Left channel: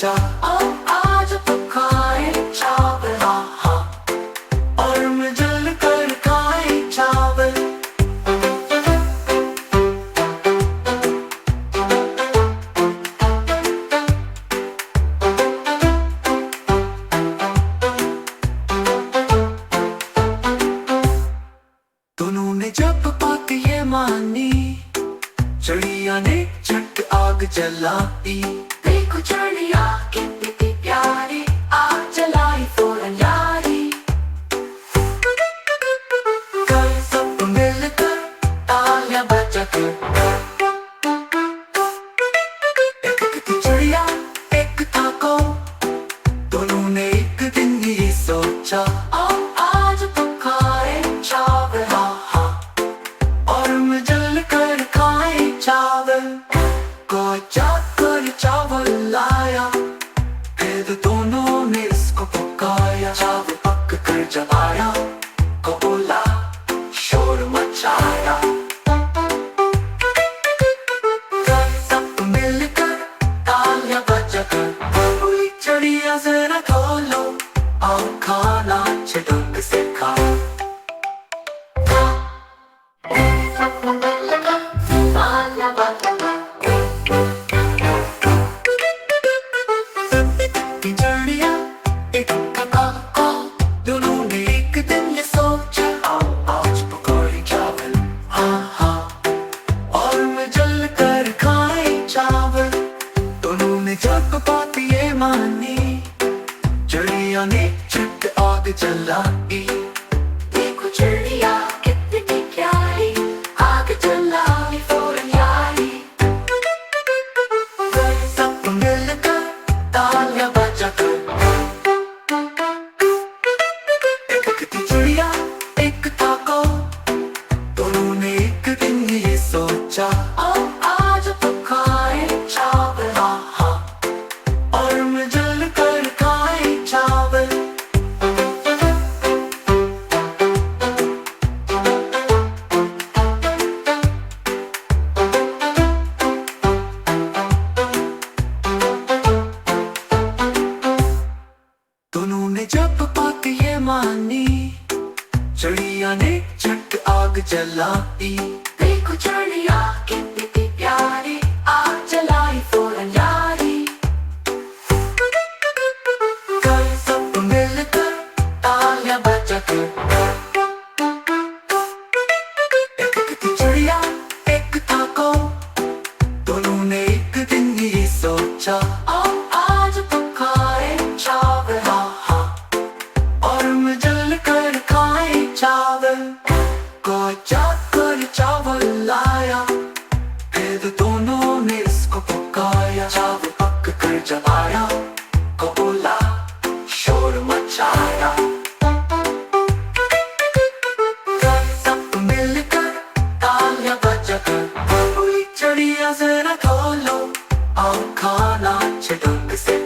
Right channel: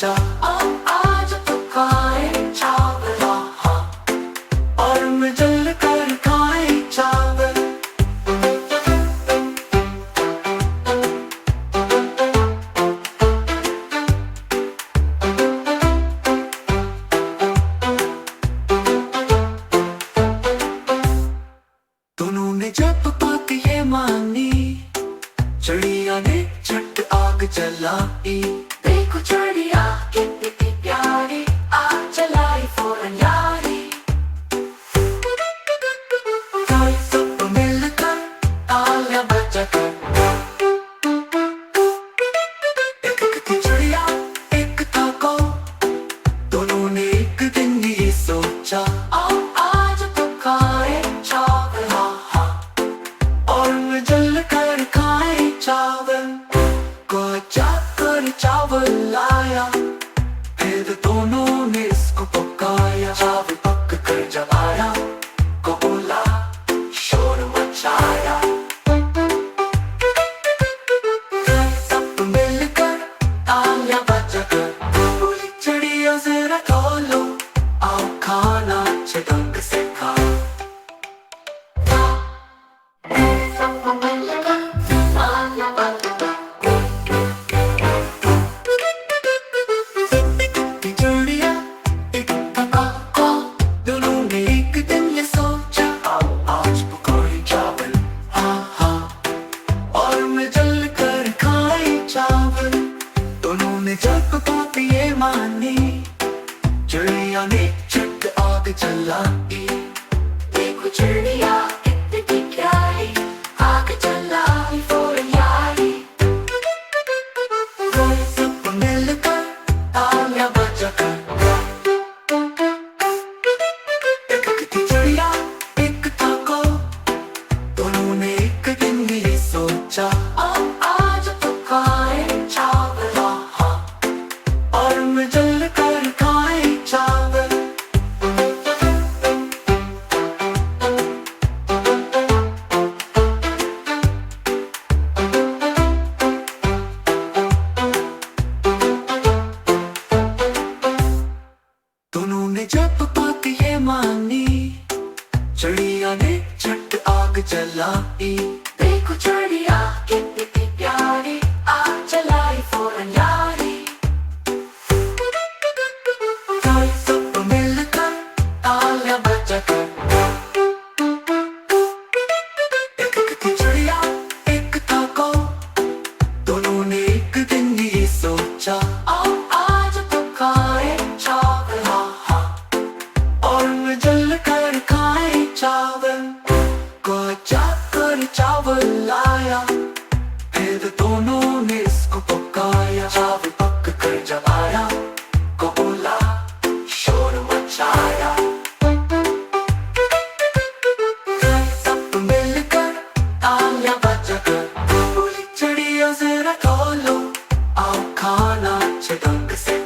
सोचा अब आज तो खाए चावल, हाँ हाँ, और मिल कर खाए चावल। दोनों ने जब बात ये मानी, चिड़िया ने झट आग जलाई। देखो चिड़िया कितनी प्यारी, आग जलाई फौरन यारी। कल सब मिलकर तालियां बजाकर, एक थी चिड़िया एक था कौ, दोनों ने एक दिन ये सोचा अब आज तो खाए चावल, हाँ हाँ, और मिल कर खाए चावल। कोई जाकर चावल लाया, फिर दोनों ने इसको पकाया। चावल पक कर जब आया, कबूला शोर मचाया। सब मिलकर तालियां बजाकर बोली चिड़िया जरा खोलो, आओ खाना अच्छे ढंग से खाओ। चिड़िया एक था कौ, दोनों ने एक दिन ये सोचा आओ आज पकाए चावल, हाँ हाँ, और मिल कर खाए चावल। दोनों ने जब बात ये मानी, चिड़िया ने झट आग जलाई। देखो चिड़िया कितनी प्यारी, आग जलाई फौरन यारी। कोई सब मिलकर तालियां बजाकर, एक थी चिड़िया एक था कौ, दोनों ने एक दिन ये सोचा अब आज तो खाए चावल, हाँ हाँ, और मिल कर खाए चावल। दोनों ने जब बात ये मानी, चिड़िया ने झट आग जलाई। देखो चिड़िया कितनी प्यारी, आग जलाई फौरन यारी। कल सब मिलकर तालियां बजाकर, एक थी चिड़िया एक था कौ, दोनों ने एक दिन ये सोचा अब आज तो खाए चावल, हाँ हाँ, और मिल कर खाए चावल। कोई जाकर चावल लाया, फिर दोनों ने इसको पकाया। चावल पक कर जब आया, कबूला शोर मचाया। सब मिलकर तालियां बजाकर बोली चिड़िया जरा खोलो, आओ खाना अच्छे ढंग से